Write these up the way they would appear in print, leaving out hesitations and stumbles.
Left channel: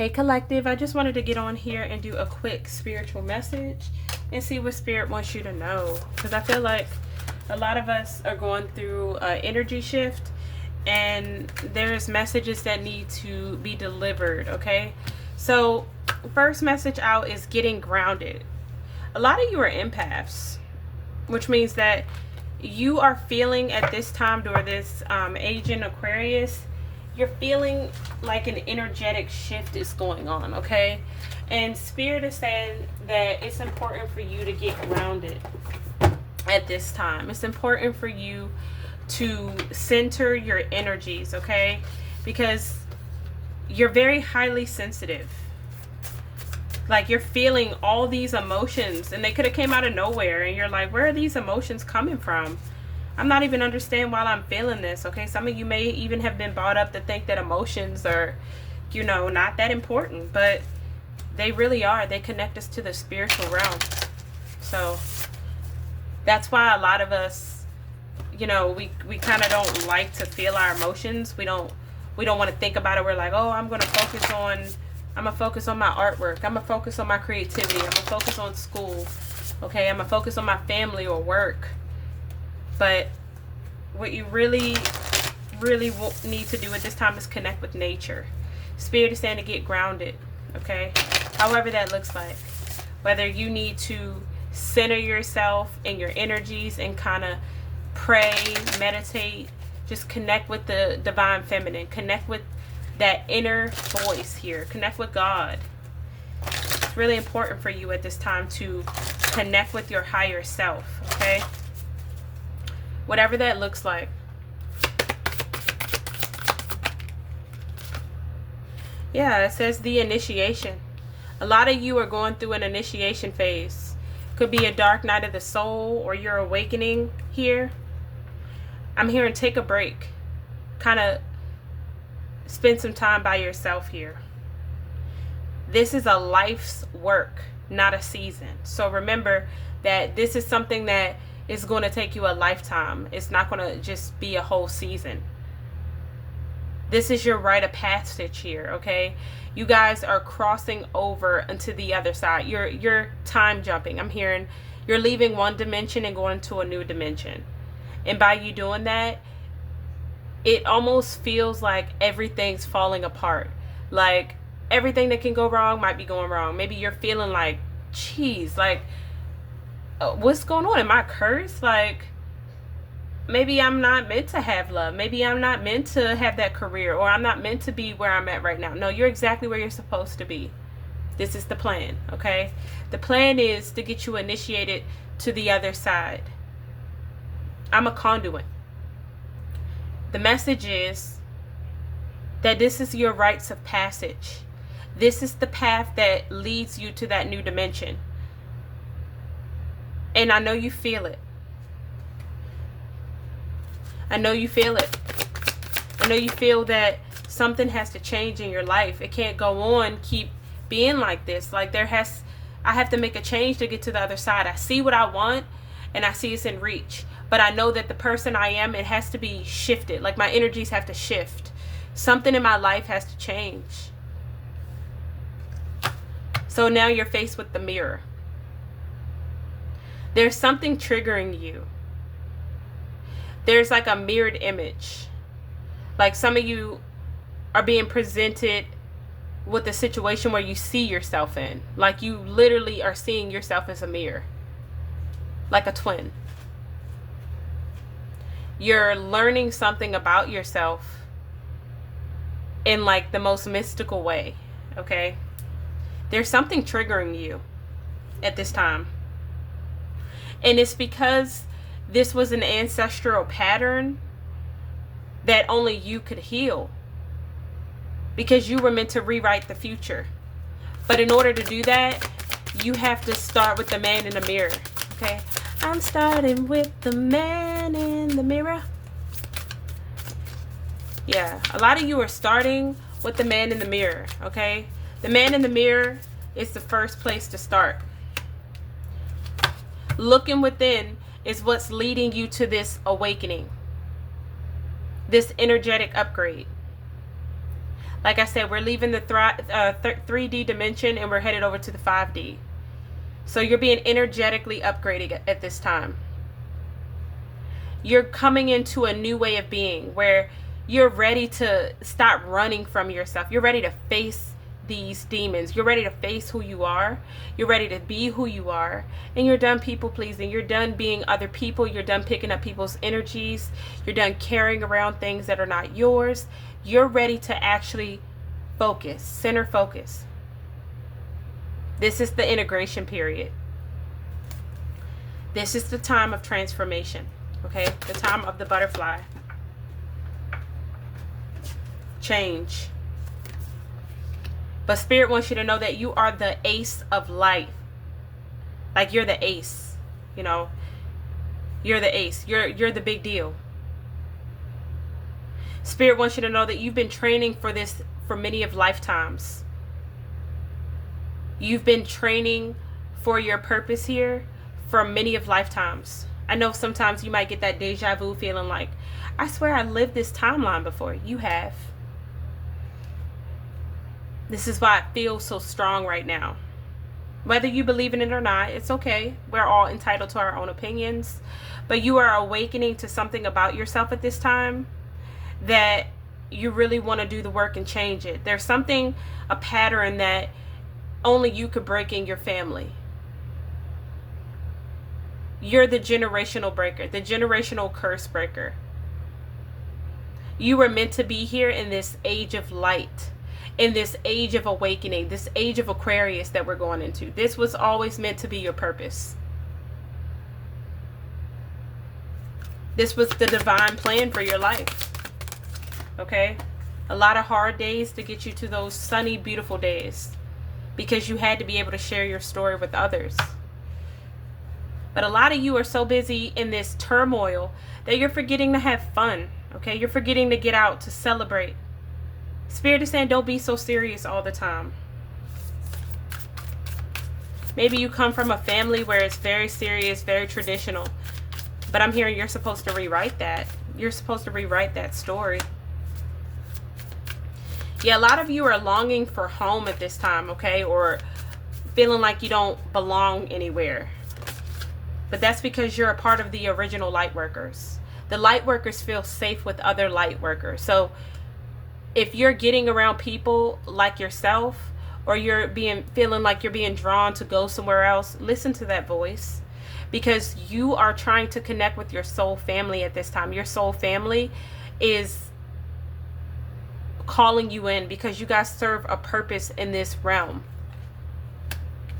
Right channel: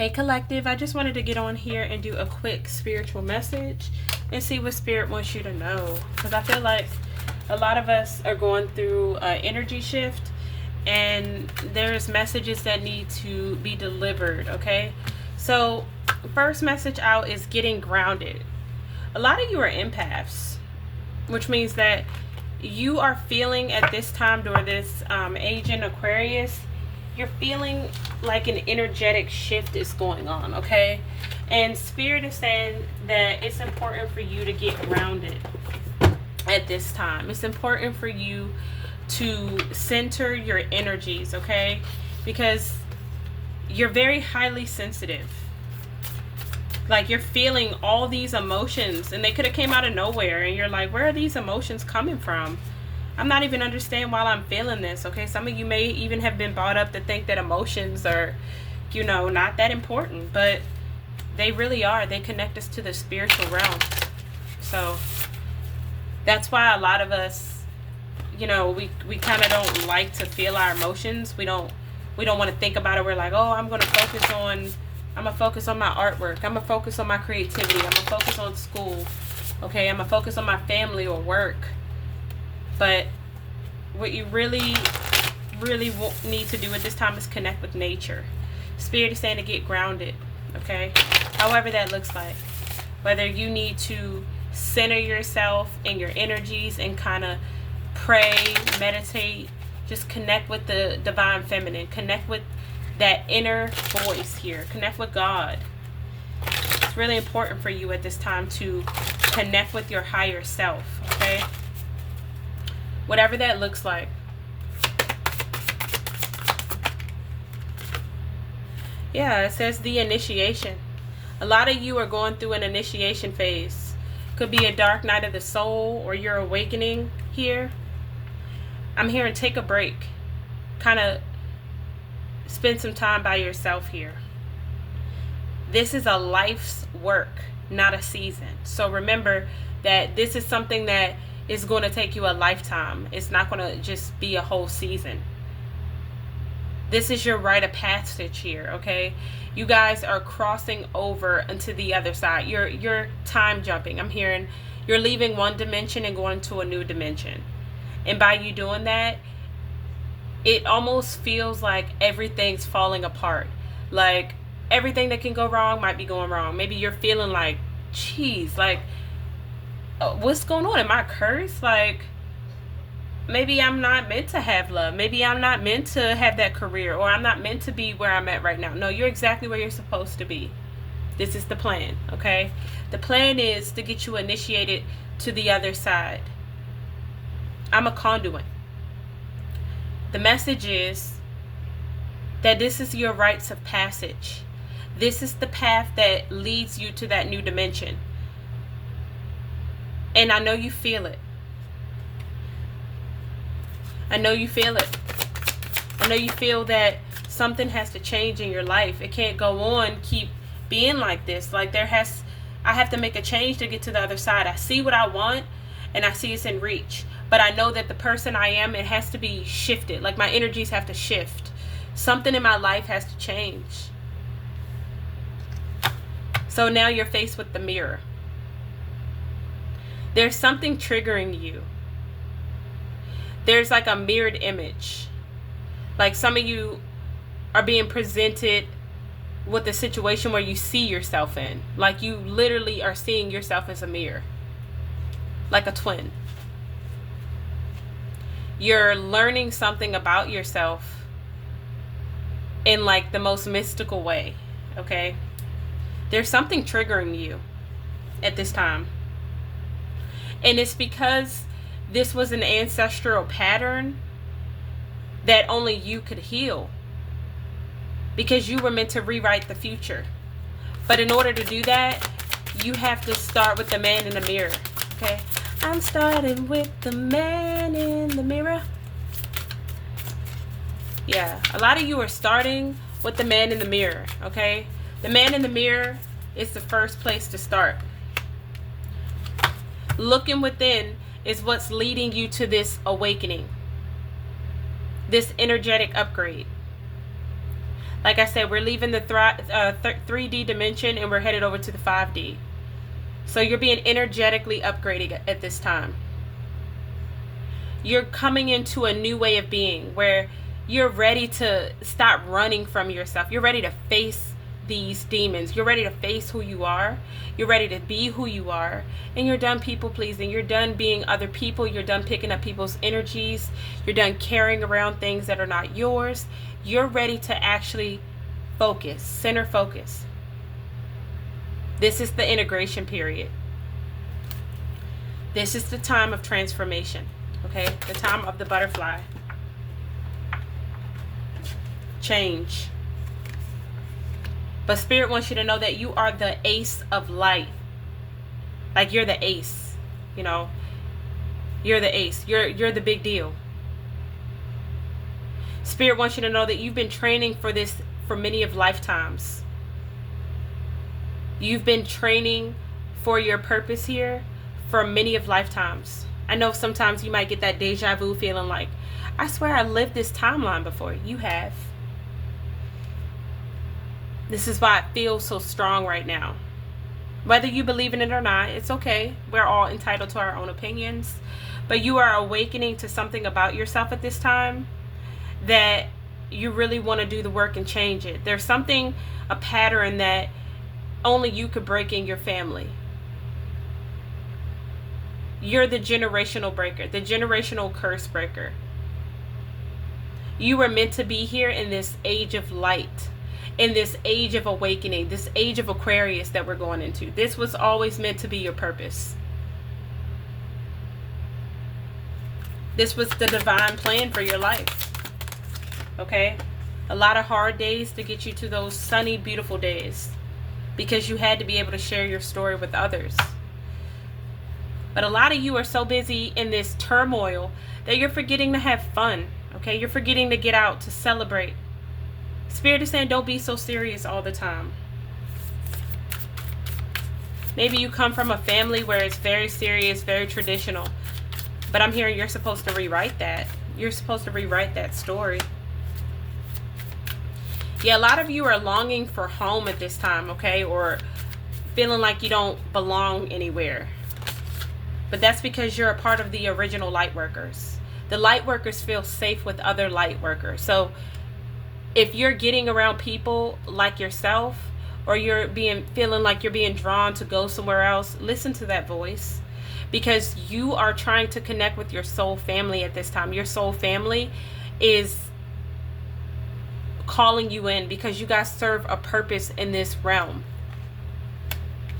Hey collective, I just wanted to get on here and do a quick spiritual message and see what spirit wants you to know, because I feel like a lot of us are going through an energy shift and there's messages that need to be delivered. Okay, so first message out is getting grounded. A lot of you are empaths, which means that you are feeling at this time during this age in Aquarius, you're feeling like an energetic shift is going on. Okay, and spirit is saying that it's important for you to get grounded at this time. It's important for you to center your energies, okay, because you're very highly sensitive. Like, you're feeling all these emotions and they could have came out of nowhere and you're like, where are these emotions coming from? I'm not even understanding why I'm feeling this. Okay, some of you may even have been brought up to think that emotions are, you know, not that important, but they really are. They connect us to the spiritual realm. So that's why a lot of us, you know, we kind of don't like to feel our emotions. We don't want to think about it. We're like, oh, I'm gonna focus on my artwork, I'm gonna focus on my creativity, I'm gonna focus on school, okay, I'm gonna focus on my family or work. But what you really need to do at this time is connect with nature. Spirit is saying to get grounded, okay? However that looks like. Whether you need to center yourself and your energies and kind of pray, meditate, just connect with the divine feminine. Connect with that inner voice here. Connect with God. It's really important for you at this time to connect with your higher self, okay? Whatever that looks like. Yeah, it says the initiation. A lot of you are going through an initiation phase. Could be a dark night of the soul or you're awakening here. I'm hearing take a break. Kind of spend some time by yourself here. This is a life's work, not a season. So remember that this is something that is going to take you a lifetime. It's not going to just be a whole season. This is your rite of passage here, okay? You guys are crossing over into the other side. You're time jumping. I'm hearing you're leaving one dimension and going to a new dimension. And by you doing that, it almost feels like everything's falling apart. Like everything that can go wrong might be going wrong. Maybe you're feeling like, geez, like, what's going on? Am I cursed? Like, maybe I'm not meant to have love. Maybe I'm not meant to have that career, or I'm not meant to be where I'm at right now. No, you're exactly where you're supposed to be. This is the plan, okay? The plan is to get you initiated to the other side. I'm a conduit. The message is that this is your rites of passage. This is the path that leads you to that new dimension. And I know you feel it. I know you feel it. I know you feel that something has to change in your life. It can't go on, keep being like this. Like I have to make a change to get to the other side. I see what I want and I see it's in reach. But I know that the person I am, it has to be shifted. Like my energies have to shift. Something in my life has to change. So now you're faced with the mirror. There's something triggering you. There's like a mirrored image. Like some of you are being presented with a situation where you see yourself in. Like you literally are seeing yourself as a mirror. Like a twin. You're learning something about yourself in like the most mystical way. Okay? There's something triggering you at this time. And it's because this was an ancestral pattern that only you could heal. Because you were meant to rewrite the future. But in order to do that, you have to start with the man in the mirror. Okay? I'm starting with the man in the mirror. Yeah, a lot of you are starting with the man in the mirror. Okay? The man in the mirror is the first place to start. Looking within is what's leading you to this awakening, this energetic upgrade. Like I said, we're leaving the 3D dimension and we're headed over to the 5D. So you're being energetically upgraded at this time. You're coming into a new way of being where you're ready to stop running from yourself. You're ready to face these demons. You're ready to face who you are. You're ready to be who you are. And you're done people pleasing. You're done being other people. You're done picking up people's energies. You're done carrying around things that are not yours. You're ready to actually focus, center focus. This is the integration period. This is the time of transformation. Okay, the time of the butterfly. Change. But Spirit wants you to know that you are the ace of light. Like you're the ace, you know. You're the ace. You're the big deal. Spirit wants you to know that you've been training for this for many of lifetimes. You've been training for your purpose here for many of lifetimes. I know sometimes you might get that deja vu feeling like, I swear I lived this timeline before. You have. This is why it feels so strong right now. Whether you believe in it or not, it's okay. We're all entitled to our own opinions. But you are awakening to something about yourself at this time that you really want to do the work and change it. There's something, a pattern that only you could break in your family. You're the generational breaker, the generational curse breaker. You were meant to be here in this age of light, in this age of awakening, this age of Aquarius that we're going into. This was always meant to be your purpose. This was the divine plan for your life. Okay? A lot of hard days to get you to those sunny, beautiful days, because you had to be able to share your story with others. But a lot of you are so busy in this turmoil that you're forgetting to have fun. Okay? You're forgetting to get out, to celebrate. Spirit is saying don't be so serious all the time. Maybe you come from a family where it's very serious, very traditional. But I'm hearing you're supposed to rewrite that. You're supposed to rewrite that story. Yeah, a lot of you are longing for home at this time, okay? Or feeling like you don't belong anywhere. But that's because you're a part of the original light workers. The light workers feel safe with other light workers. So if you're getting around people like yourself, or you're feeling like you're being drawn to go somewhere else, listen to that voice, because you are trying to connect with your soul family at this time. Your soul family is calling you in because you guys serve a purpose in this realm.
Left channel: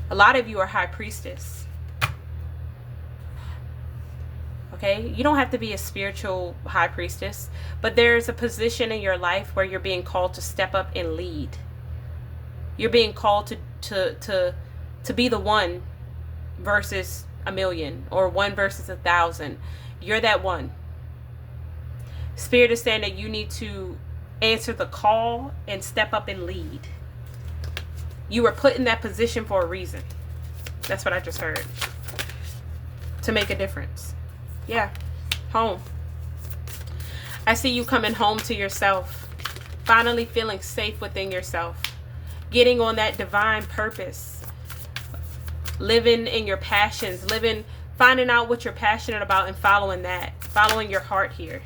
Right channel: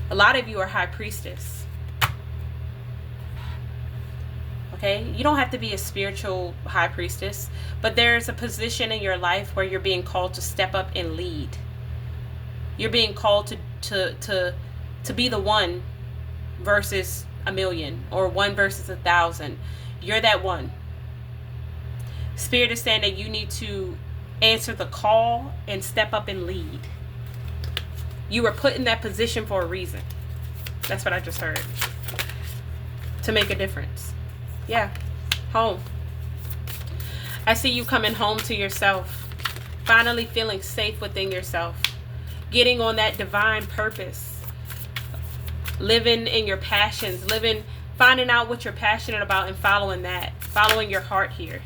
A lot of you are high priestess. Okay, you don't have to be a spiritual high priestess, but there's a position in your life where you're being called to step up and lead. You're being called to be the one versus a million, or one versus 1,000. You're that one. Spirit is saying that you need to answer the call and step up and lead. You were put in that position for a reason. That's what I just heard. To make a difference. Yeah, home. I see you coming home to yourself, finally feeling safe within yourself, getting on that divine purpose, living in your passions, finding out what you're passionate about and following that, following your heart here.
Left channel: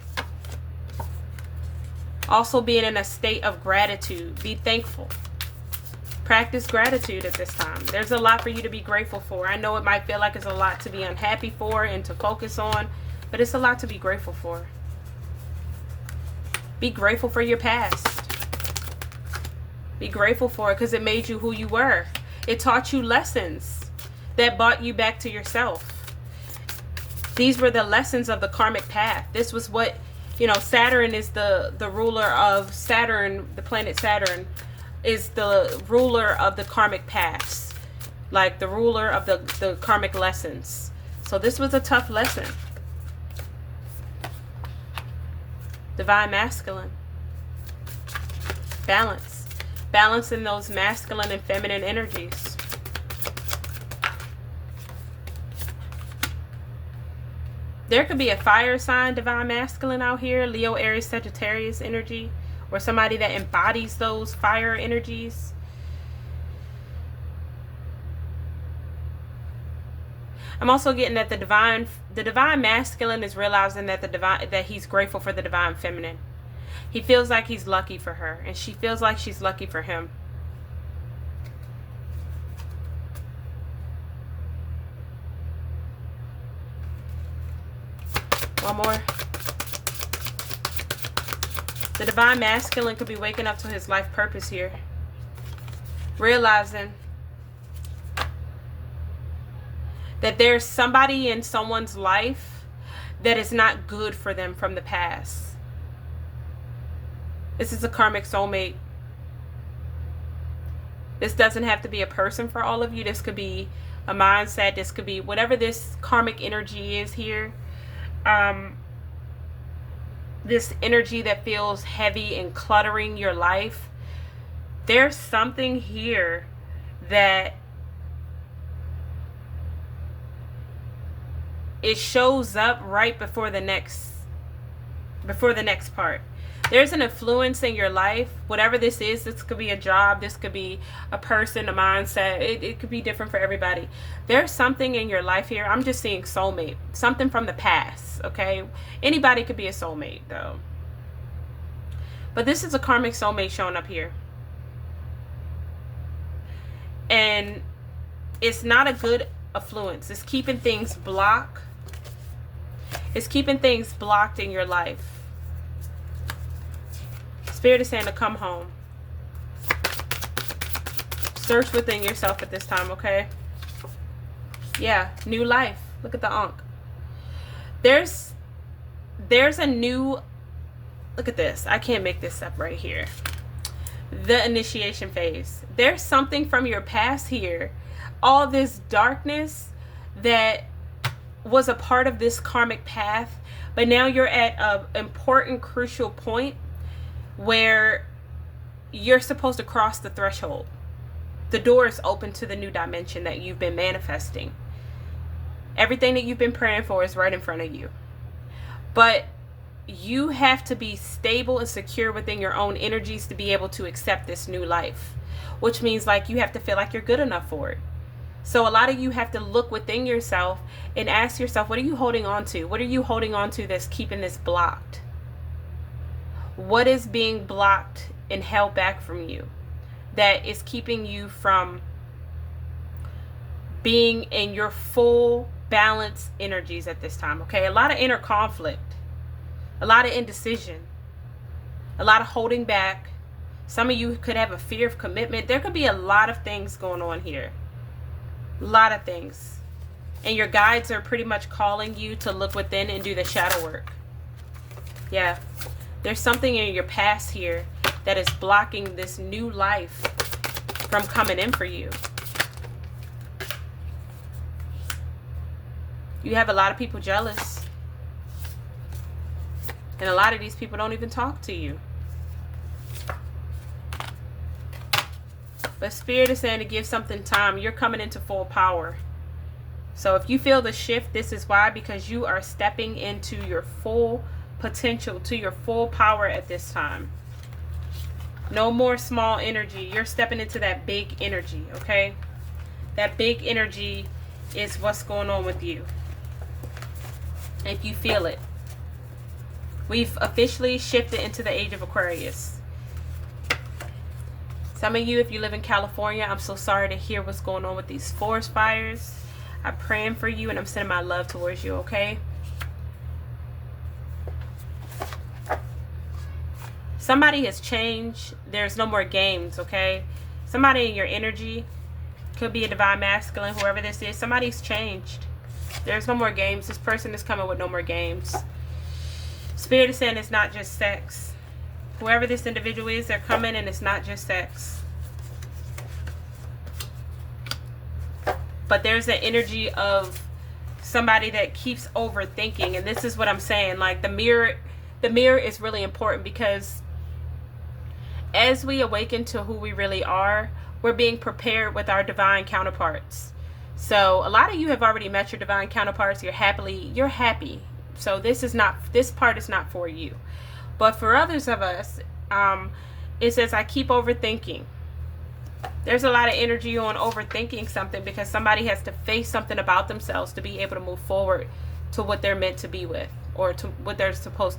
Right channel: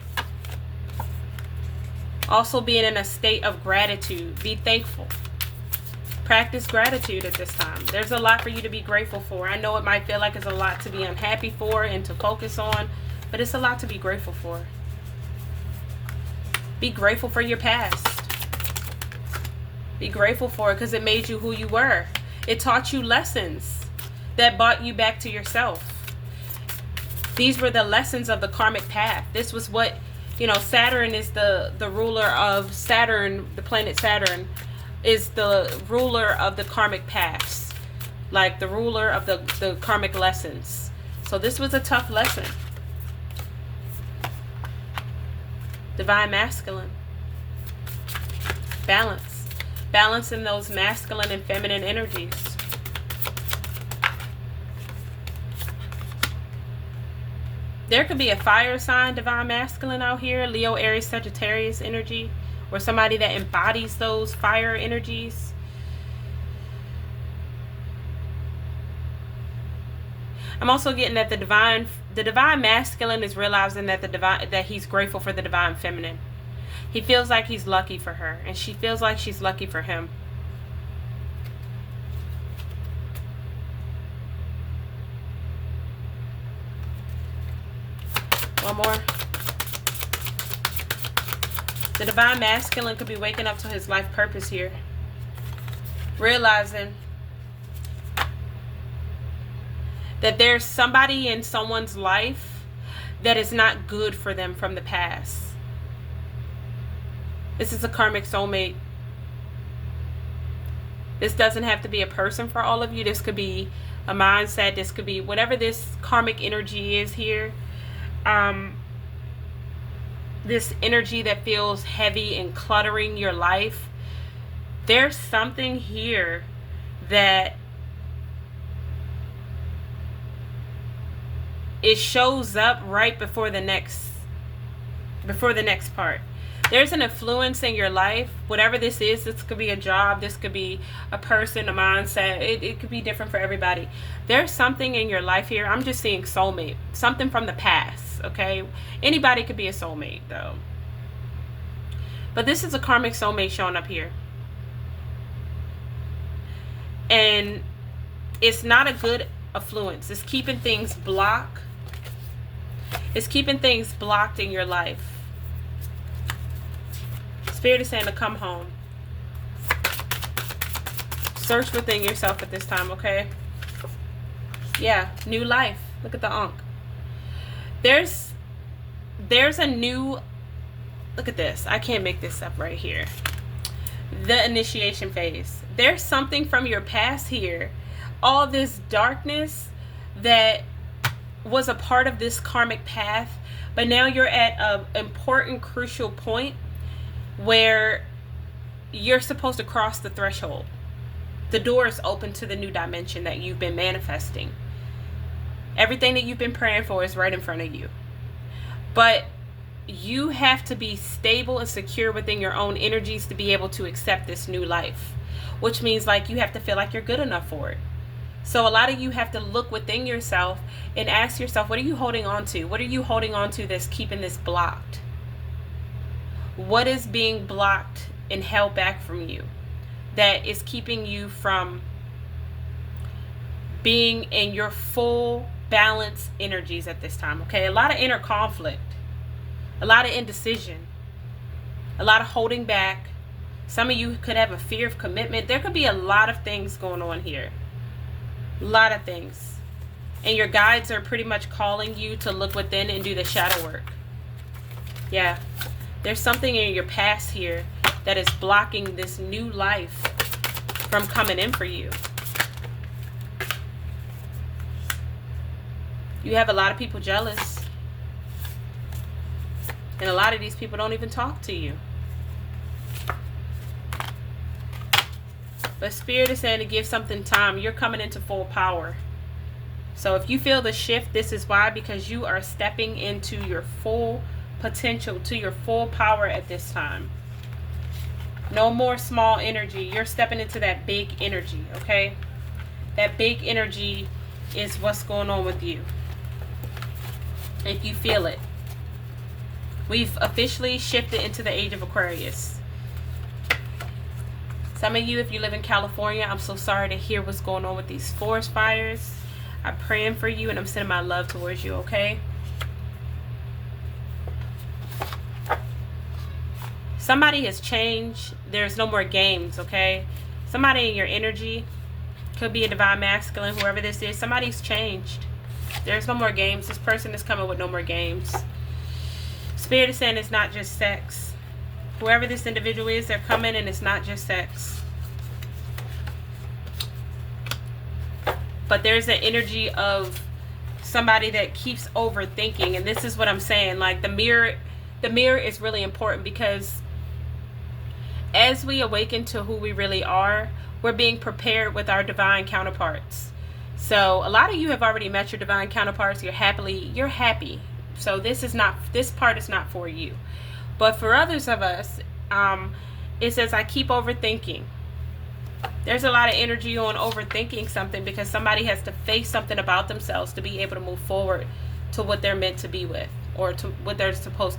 Also being in a state of gratitude. Be thankful. Practice gratitude at this time. There's a lot for you to be grateful for. I know it might feel like it's a lot to be unhappy for and to focus on, but it's a lot to be grateful for. Be grateful for your past. Be grateful for it because it made you who you were. It taught you lessons that brought you back to yourself. These were the lessons of the karmic path. This was what, Saturn is the ruler of Saturn, the planet Saturn is the ruler of the karmic paths, like the ruler of the karmic lessons. So this was a tough lesson. Divine masculine. Balance. Balance in those masculine and feminine energies. There could be a fire sign, divine masculine out here, Leo, Aries, Sagittarius energy, or somebody that embodies those fire energies. I'm also getting that the divine masculine is realizing that that he's grateful for the divine feminine. He feels like he's lucky for her, and she feels like she's lucky for him. One more. The divine masculine could be waking up to his life purpose here. Realizing that there's somebody in someone's life that is not good for them from the past. This is a karmic soulmate. This doesn't have to be a person for all of you. This could be a mindset. This could be whatever this karmic energy is here. This energy that feels heavy and cluttering your life. There's something here that it shows up right before the next part. There's an influence in your life, whatever this is. This could be a job, this could be a person, a mindset. It could be different for everybody. There's something in your life here. I'm just seeing soulmate, something from the past, okay? Anybody could be a soulmate though. But this is a karmic soulmate showing up here. And it's not a good affluence. It's keeping things blocked. It's keeping things blocked in your life. Spirit is saying to come home. Search within yourself at this time, okay? Yeah, new life. Look at the Ankh. There's a new, look at this. I can't make this up right here. The initiation phase. There's something from your past here. All this darkness that was a part of this karmic path, but now you're at an important, crucial point where you're supposed to cross the threshold. The door is open to the new dimension that you've been manifesting. Everything that you've been praying for is right in front of you. But you have to be stable and secure within your own energies to be able to accept this new life, which means like you have to feel like you're good enough for it. So a lot of you have to look within yourself and ask yourself, what are you holding on to? What are you holding on to that's keeping this blocked? What is being blocked and held back from you that is keeping you from being in your full balance energies at this time? Okay, a lot of inner conflict, a lot of indecision, a lot of holding back. Some of you could have a fear of commitment. There could be a lot of things going on here. A lot of things. And your guides are pretty much calling you to look within and do the shadow work. Yeah. There's something in your past here that is blocking this new life from coming in for you. You have a lot of people jealous. And a lot of these people don't even talk to you. But Spirit is saying to give something time. You're coming into full power. So if you feel the shift, this is why. Because you are stepping into your full potential, to your full power at this time. No more small energy. You're stepping into that big energy, okay? That big energy is what's going on with you. If you feel it. We've officially shifted into the age of Aquarius. Some of you, if you live in California, I'm so sorry to hear what's going on with these forest fires. I'm praying for you and I'm sending my love towards you, okay? Somebody has changed. There's no more games, okay? Somebody in your energy, could be a divine masculine, whoever this is, somebody's changed. There's no more games. This person is coming with no more games. Spirit is saying it's not just sex. Whoever this individual is, they're coming and it's not just sex. But there's an energy of somebody that keeps overthinking. And this is what I'm saying. Like the mirror is really important, because as we awaken to who we really are, we're being prepared with our divine counterparts. So a lot of you have already met your divine counterparts. You're happy. So this part is not for you. But for others of us, It says, I keep overthinking. There's a lot of energy on overthinking something because somebody has to face something about themselves to be able to move forward to what they're meant to be with, or to what they're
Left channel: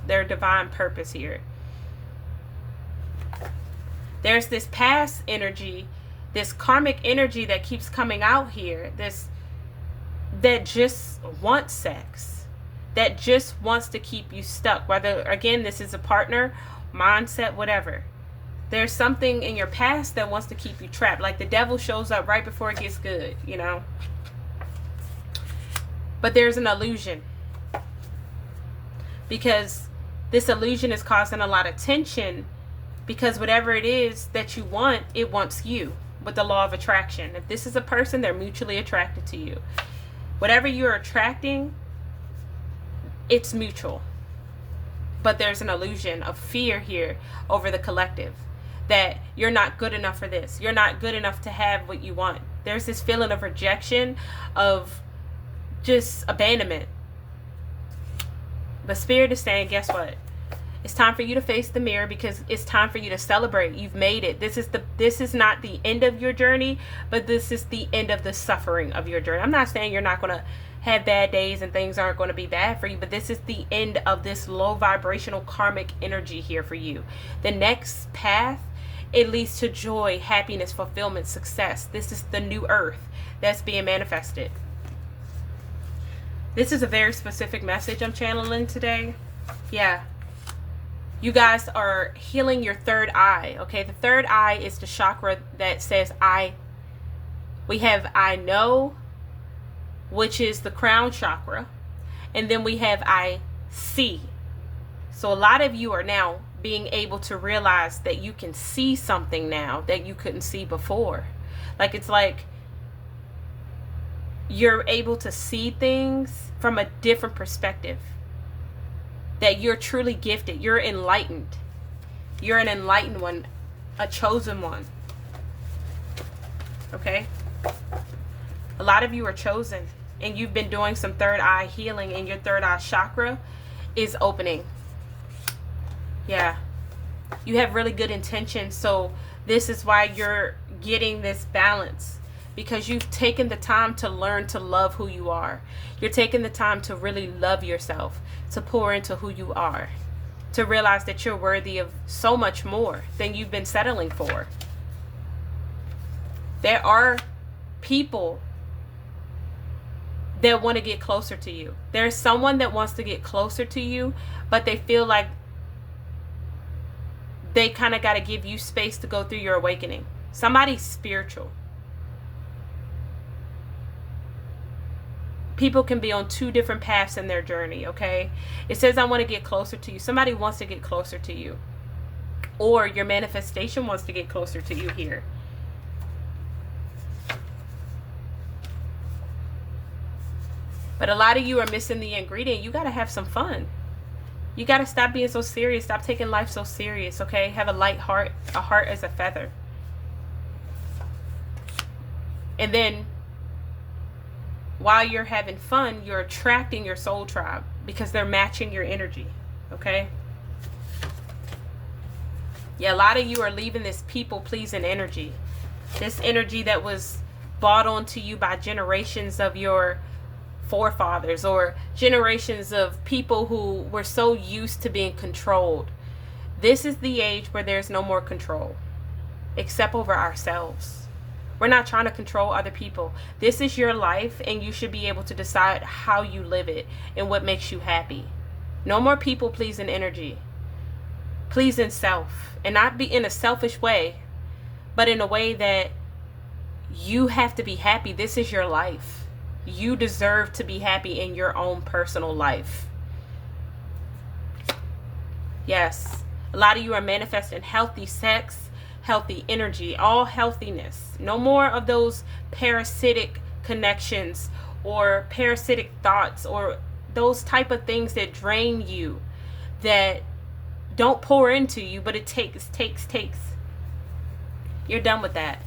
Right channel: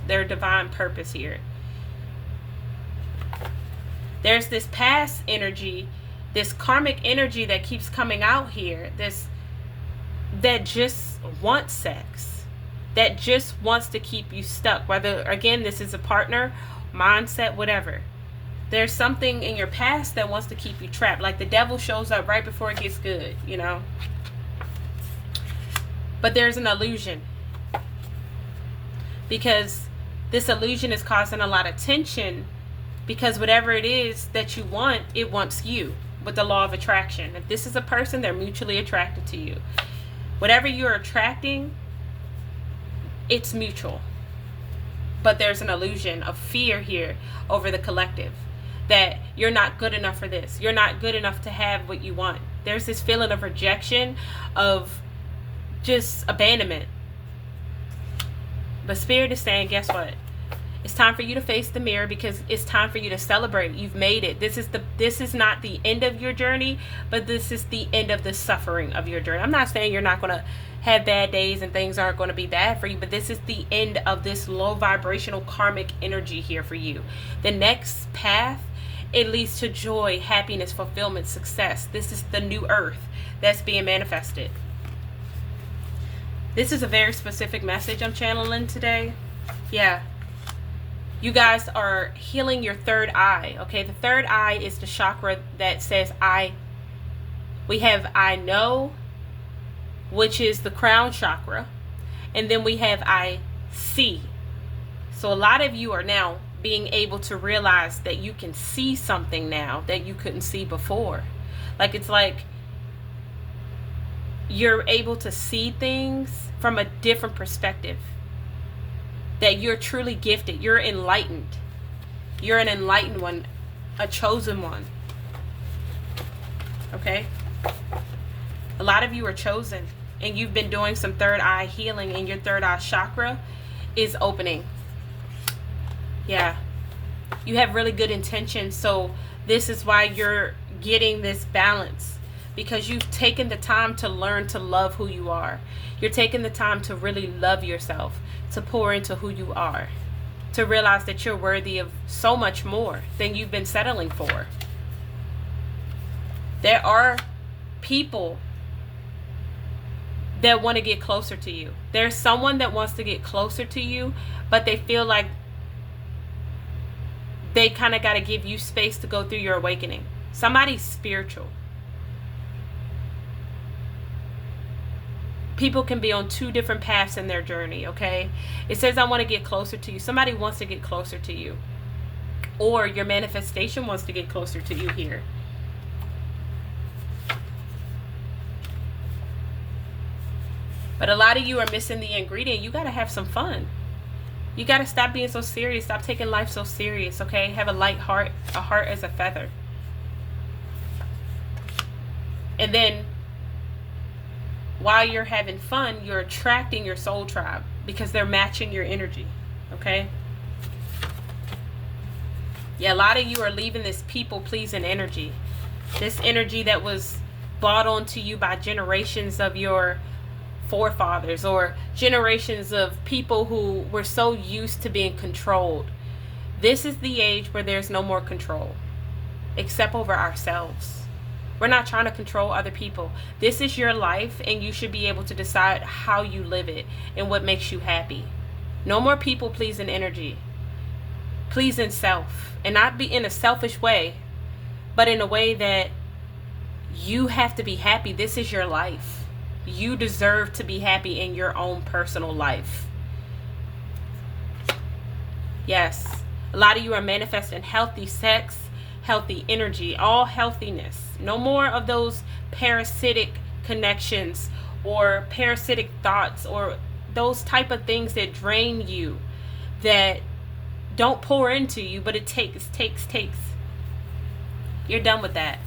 their divine purpose here. There's this past energy, this karmic energy that keeps coming out here, that just wants sex, that just wants to keep you stuck, whether, again, this is a partner, mindset, whatever. There's something in your past that wants to keep you trapped. Like the devil shows up right before it gets good, you know. But there's an illusion. Because this illusion is causing a lot of tension, because whatever it is that you want, it wants you, with the law of attraction. If this is a person, they're mutually attracted to you. Whatever you're attracting, it's mutual. But there's an illusion of fear here over the collective, that you're not good enough for this. You're not good enough to have what you want. There's this feeling of rejection, of just abandonment. But Spirit is saying, guess what? It's time for you to face the mirror, because it's time for you to celebrate. You've made it. This is not the end of your journey, but this is the end of the suffering of your journey. I'm not saying you're not going to have bad days and things aren't going to be bad for you, but this is the end of this low vibrational karmic energy here for you. The next path, it leads to joy, happiness, fulfillment, success. This is the new earth that's being manifested. This is a very specific message I'm channeling today. Yeah. You guys are healing your third eye, okay? The third eye is the chakra that says I. We have I know, which is the crown chakra. And then we have I see. So a lot of you are now being able to realize that you can see something now that you couldn't see before. Like, it's like you're able to see things from a different perspective. That you're truly gifted. You're enlightened. You're an enlightened one, a chosen one. Okay? A lot of you are chosen, and you've been doing some third eye healing, and your third eye chakra is opening. Yeah. You have really good intentions, so this is why you're getting this balance, because you've taken the time to learn to love who you are. You're taking the time to really love yourself, to pour into who you are, to realize that you're worthy of so much more than you've been settling for. There are people that want to get closer to you. There's someone that wants to get closer to you, but they feel like they kind of got to give you space to go through your awakening. Somebody's spiritual. People can be on two different paths in their journey, okay? It says, I want to get closer to you. Somebody wants to get closer to you. Or your manifestation wants to get closer to you here. But a lot of you are missing the ingredient. You got to have some fun. You got to stop being so serious. Stop taking life so serious, okay? Have a light heart. A heart as a feather. And then, while you're having fun, you're attracting your soul tribe, because they're matching your energy, okay? Yeah, a lot of you are leaving this people-pleasing energy. This energy that was brought onto you by generations of your forefathers, or generations of people who were so used to being controlled. This is the age where there's no more control, except over ourselves. We're not trying to control other people. This is your life, and you should be able to decide how you live it and what makes you happy. No more people pleasing energy. Pleasing self. And not be in a selfish way, but in a way that you have to be happy. This is your life. You deserve to be happy in your own personal life. Yes. A lot of you are manifesting healthy sex, healthy energy, all healthiness. No more of those parasitic connections or parasitic thoughts or those type of things that drain you, that don't pour into you, but it takes. You're done with that.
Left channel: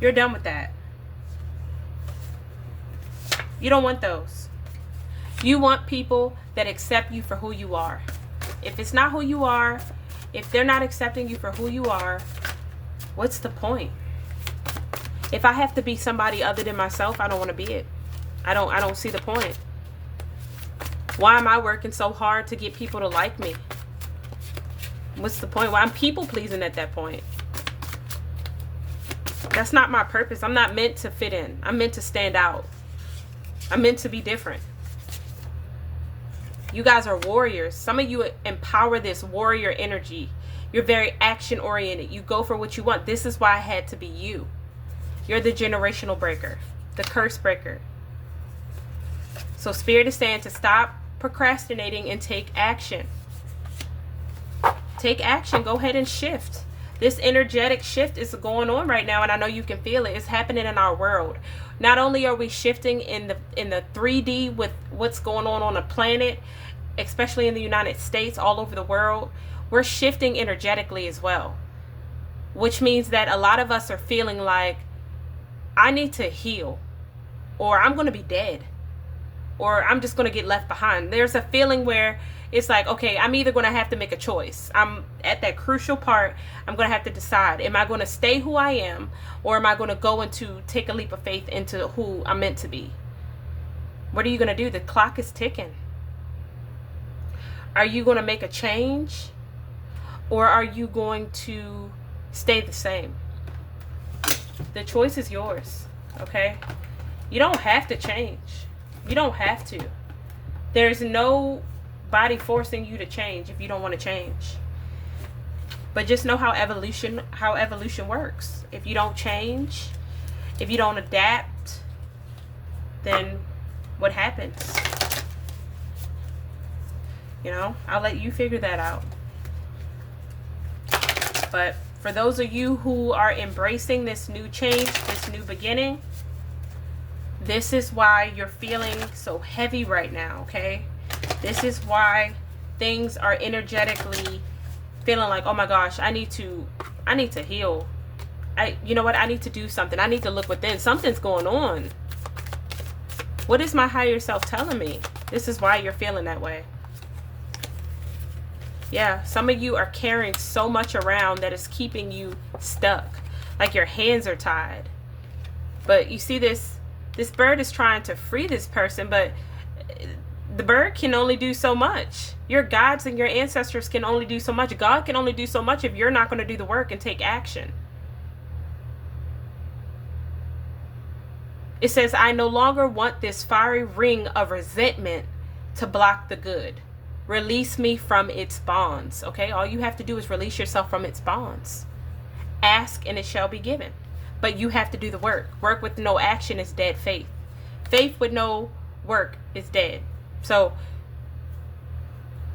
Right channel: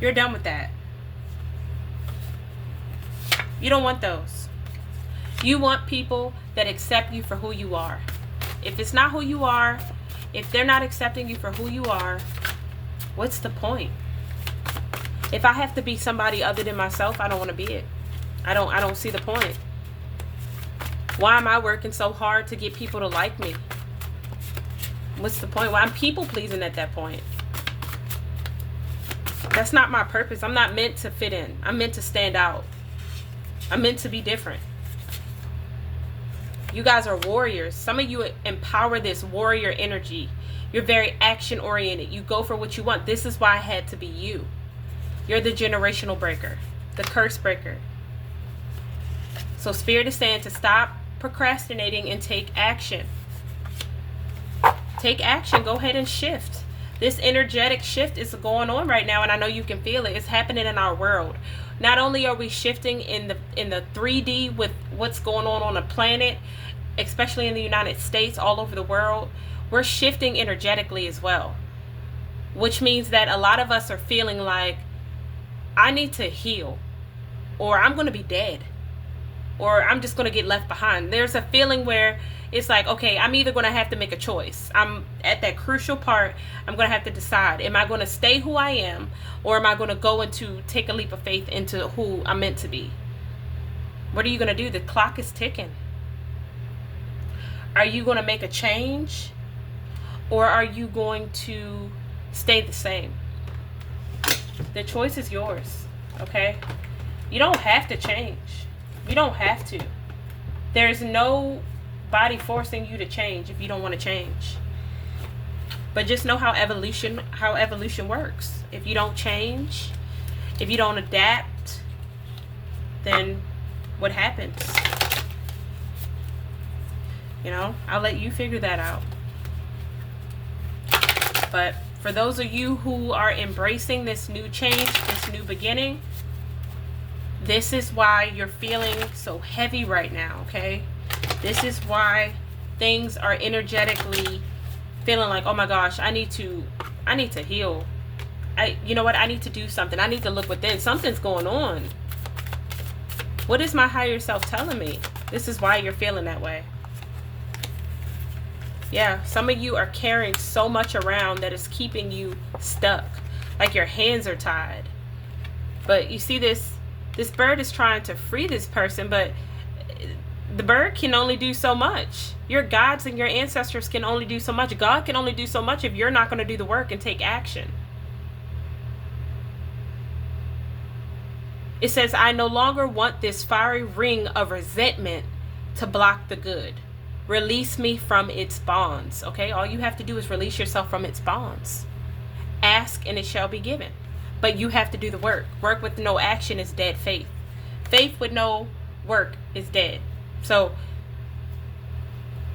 You're done with that. You don't want those. You want people that accept you for who you are. If it's not who you are, if they're not accepting you for who you are, what's the point? If I have to be somebody other than myself, I don't want to be it. I don't see the point. Why am I working so hard to get people to like me? What's the point? Why I'm people pleasing at that point? That's not my purpose. I'm not meant to fit in. I'm meant to stand out. I'm meant to be different. You guys are warriors. Some of you empower this warrior energy. You're very action oriented. You go for what you want. This is why I had to be you. You're the generational breaker, the curse breaker. So Spirit is saying to stop procrastinating and take action. Take action. Go ahead and shift. This energetic shift is going on right now, and I know you can feel it. It's happening in our world. Not only are we shifting in the 3D with what's going on the planet, especially in the United States, all over the world, we're shifting energetically as well. Which means that a lot of us are feeling like, I need to heal, or I'm going to be dead, or I'm just going to get left behind. There's a feeling where it's like, okay, I'm either going to have to make a choice. I'm at that crucial part. I'm going to have to decide. Am I going to stay who I am, or am I going to go into take a leap of faith into who I'm meant to be? What are you going to do? The clock is ticking. Are you going to make a change, or are you going to stay the same? The choice is yours, okay? You don't have to change. You don't have to. There's nobody forcing you to change if you don't want to change. But just know how evolution works. If you don't change, if you don't adapt, then what happens? You know, I'll let you figure that out. But for those of you who are embracing this new change, this new beginning, this is why you're feeling so heavy right now, okay? This is why things are energetically feeling like, oh my gosh, I need to heal. You know what? I need to do something. I need to look within. Something's going on. What is my higher self telling me? This is why you're feeling that way. Yeah, some of you are carrying so much around that is keeping you stuck. Like your hands are tied. But you see this bird is trying to free this person, but the bird can only do so much. Your gods and your ancestors can only do so much. God can only do so much if you're not going to do the work and take action. It says, I no longer want this fiery ring of resentment to block the good. Release me from its bonds. Okay, all you have to do is release yourself from its bonds. Ask and it shall be given. But you have to do the work. Work with no action is dead faith. Faith with no work is dead. So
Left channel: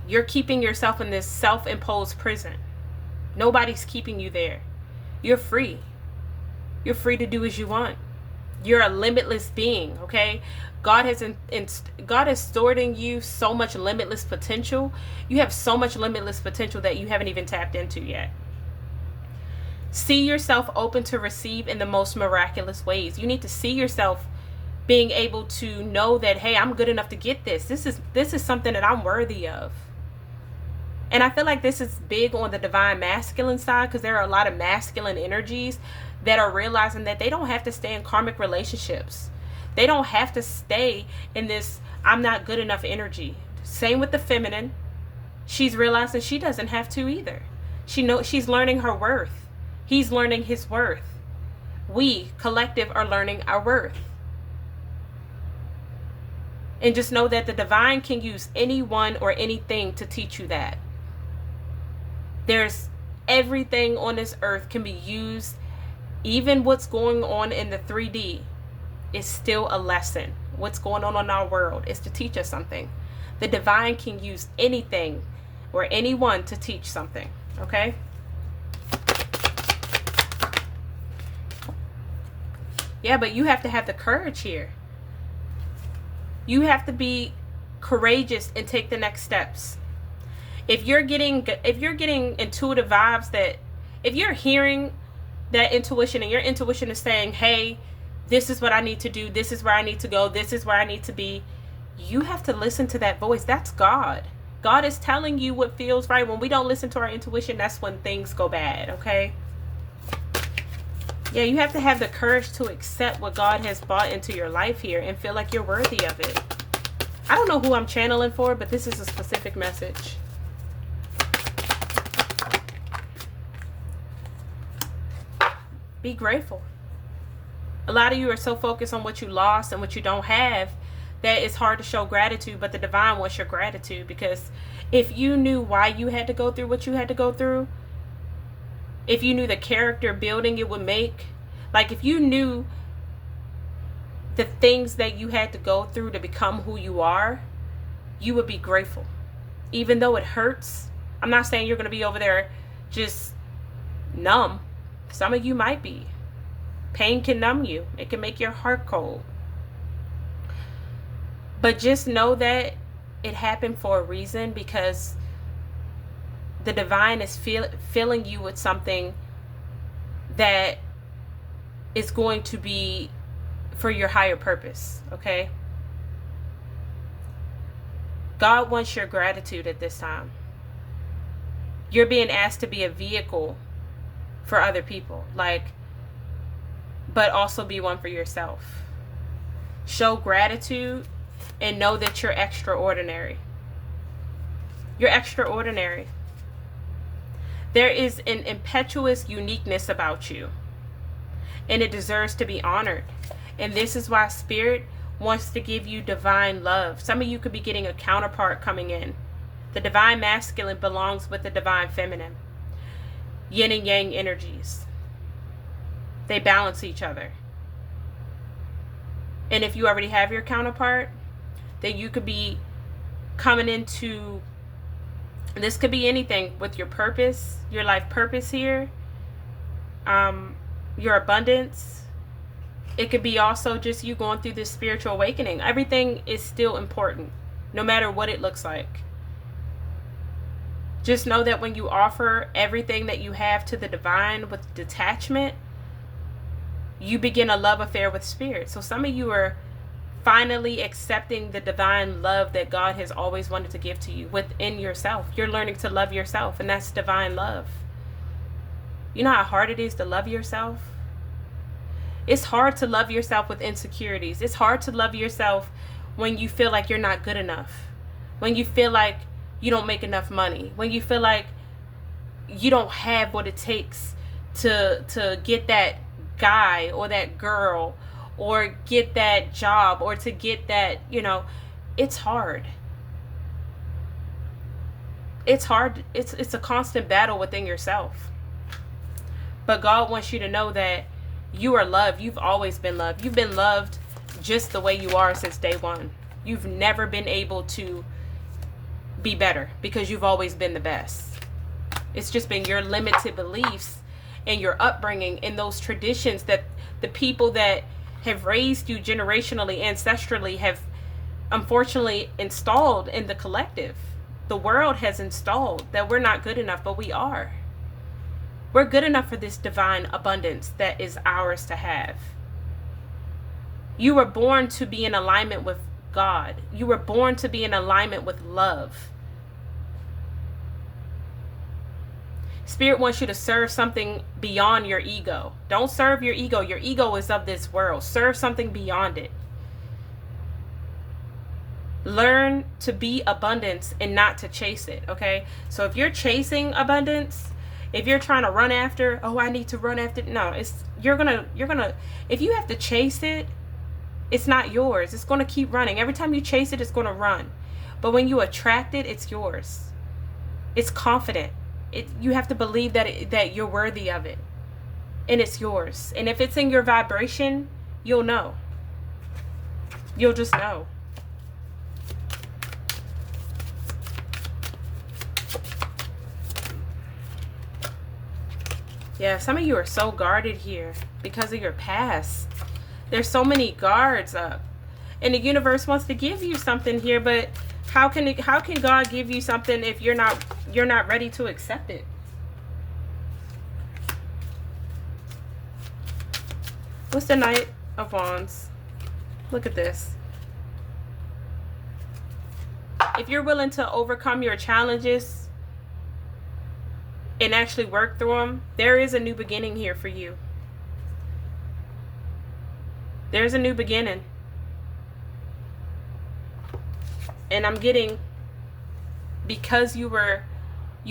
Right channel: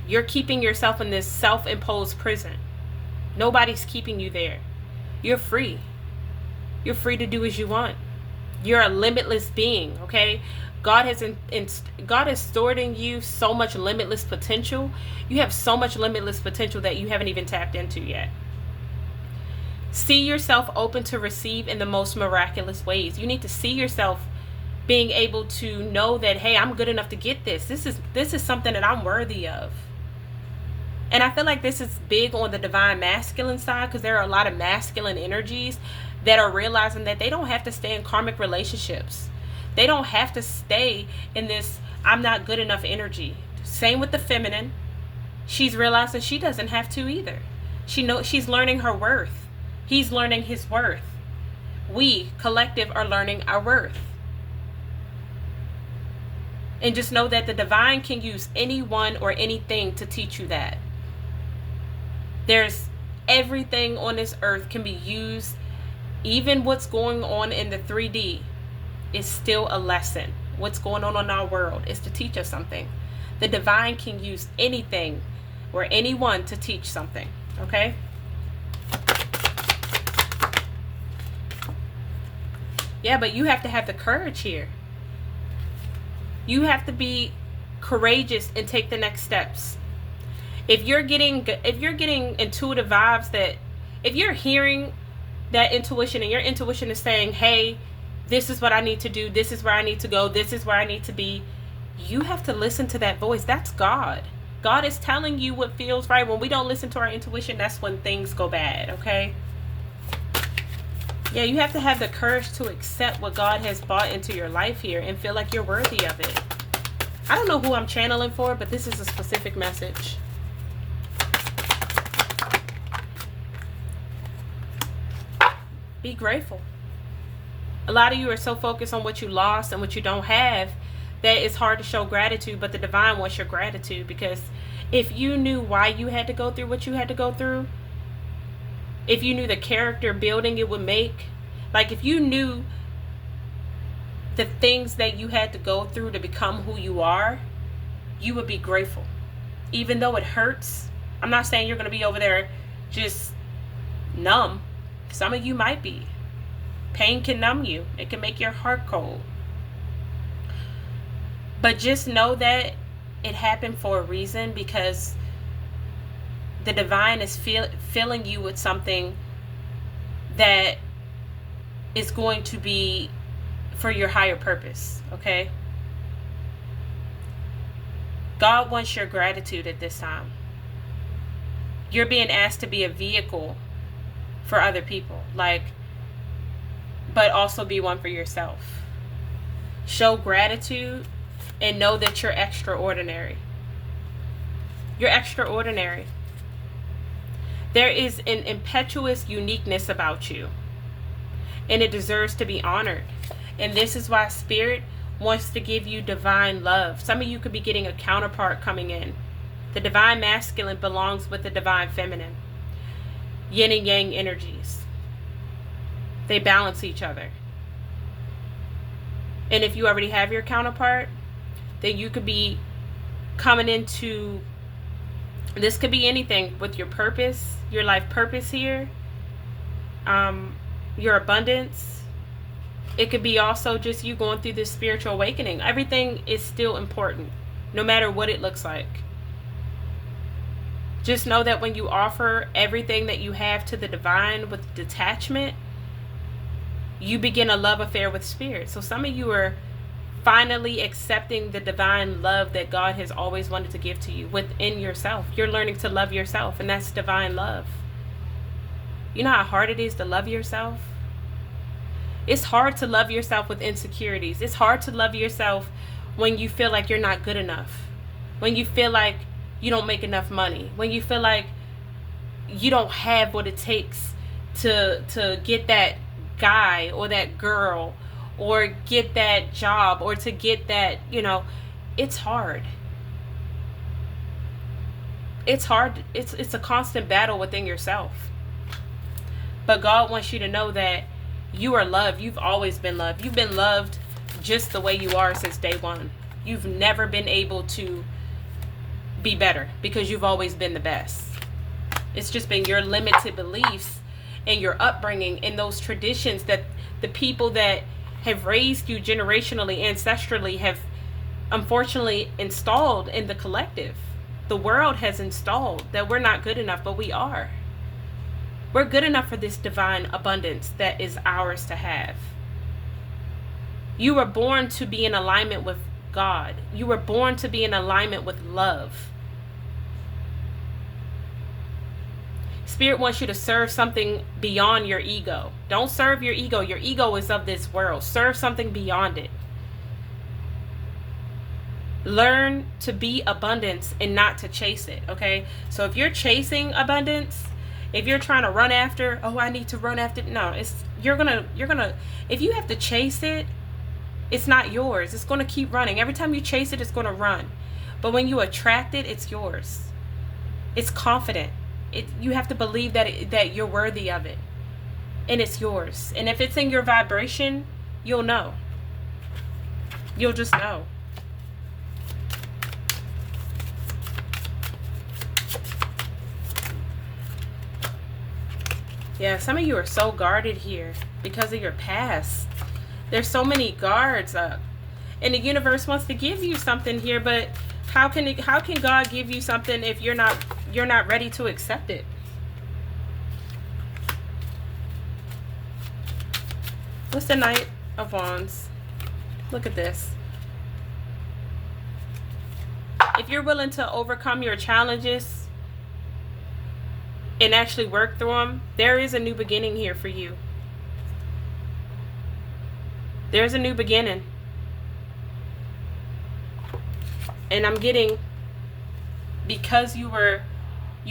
you're keeping yourself in this self-imposed prison. Nobody's keeping you there. You're free. You're free to do as you want. You're a limitless being, okay? God has stored in you so much limitless potential. You have so much limitless potential that you haven't even tapped into yet. See yourself open to receive in the most miraculous ways. You need to see yourself being able to know that, hey, I'm good enough to get this. This is something that I'm worthy of. And I feel like this is big on the divine masculine side, because there are a lot of masculine energies that are realizing that they don't have to stay in karmic relationships. They don't have to stay in this I'm not good enough energy. Same with the feminine. She's realizing she doesn't have to either. She's learning her worth. He's learning his worth. We, collective, are learning our worth. And just know that the divine can use anyone or anything to teach you that. There's everything on this earth can be used. Even what's going on in the 3D is still a lesson. What's going on in our world is to teach us something. The divine can use anything or anyone to teach something. Okay? Yeah, but you have to have the courage here. You have to be courageous and take the next steps. If you're getting intuitive vibes, that if you're hearing that intuition and your intuition is saying, hey, this is what I need to do, this is where I need to go, this is where I need to be, you have to listen to that voice. That's God. God is telling you what feels right. When we don't listen to our intuition, that's when things go bad, okay? Yeah, you have to have the courage to accept what God has brought into your life here and feel like you're worthy of it. I don't know who I'm channeling for, but this is a specific message. Be grateful. A lot of you are so focused on what you lost and what you don't have that it's hard to show gratitude, but the divine wants your gratitude, because if you knew why you had to go through what you had to go through, if you knew the character building it would make, like if you knew the things that you had to go through to become who you are, you would be grateful. Even though it hurts, I'm not saying you're going to be over there just numb. Some of you might be. Pain can numb you. It can make your heart cold. But just know that it happened for a reason, because the divine is filling you with something that is going to be for your higher purpose, okay? God wants your gratitude at this time. You're being asked to be a vehicle for other people, but also be one for yourself. Show gratitude and know that you're extraordinary. You're extraordinary. There is an impetuous uniqueness about you, and it deserves to be honored. And this is why Spirit wants to give you divine love. Some of you could be getting a counterpart coming in. The divine masculine belongs with the divine feminine. Yin and yang energies. They balance each other. And if you already have your counterpart, then you could be coming into, this could be anything with your purpose, your life purpose here, your abundance. It could be also just you going through this spiritual awakening. Everything is still important, no matter what it looks like. Just know that when you offer everything that you have to the divine with detachment, you begin a love affair with Spirit. So some of you are finally accepting the divine love that God has always wanted to give to you within yourself. You're learning to love yourself, and that's divine love. You know how hard it is to love yourself? It's hard to love yourself with insecurities. It's hard to love yourself when you feel like you're not good enough. When you feel like you don't make enough money. When you feel like you don't have what it takes to get that guy or that girl or get that job or to get that, it's hard. It's hard. It's a constant battle within yourself. But God wants you to know that you are loved. You've always been loved. You've been loved just the way you are since day one. You've never been able to be better because you've always been the best. It's just been your limited beliefs and your upbringing and those traditions that the people that have raised you generationally, ancestrally, have unfortunately installed in the collective. The world has installed that we're not good enough, but we are. We're good enough for this divine abundance that is ours to have. You were born to be in alignment with God. You were born to be in alignment with love. Spirit wants you to serve something beyond your ego. Don't serve your ego. Your ego is of this world. Serve something beyond it. Learn to be abundance and not to chase it, okay? So if you're chasing abundance, if you're trying to run after, I need to run after, no, you're gonna, if you have to chase it, it's not yours. It's gonna keep running. Every time you chase it, it's gonna run. But when you attract it, it's yours. It's confident. You have to believe that you're worthy of it, and it's yours. And if it's in your vibration, you'll know. You'll just know. Yeah, some of you are so guarded here because of your past. There's so many guards up, and the universe wants to give you something here, but how can God give you something if you're not ready to accept it? What's the Knight of Wands? Look at this. if you're willing to overcome your challenges and actually work through them, there is a new beginning here for you. There's a new beginning. And I'm getting, because you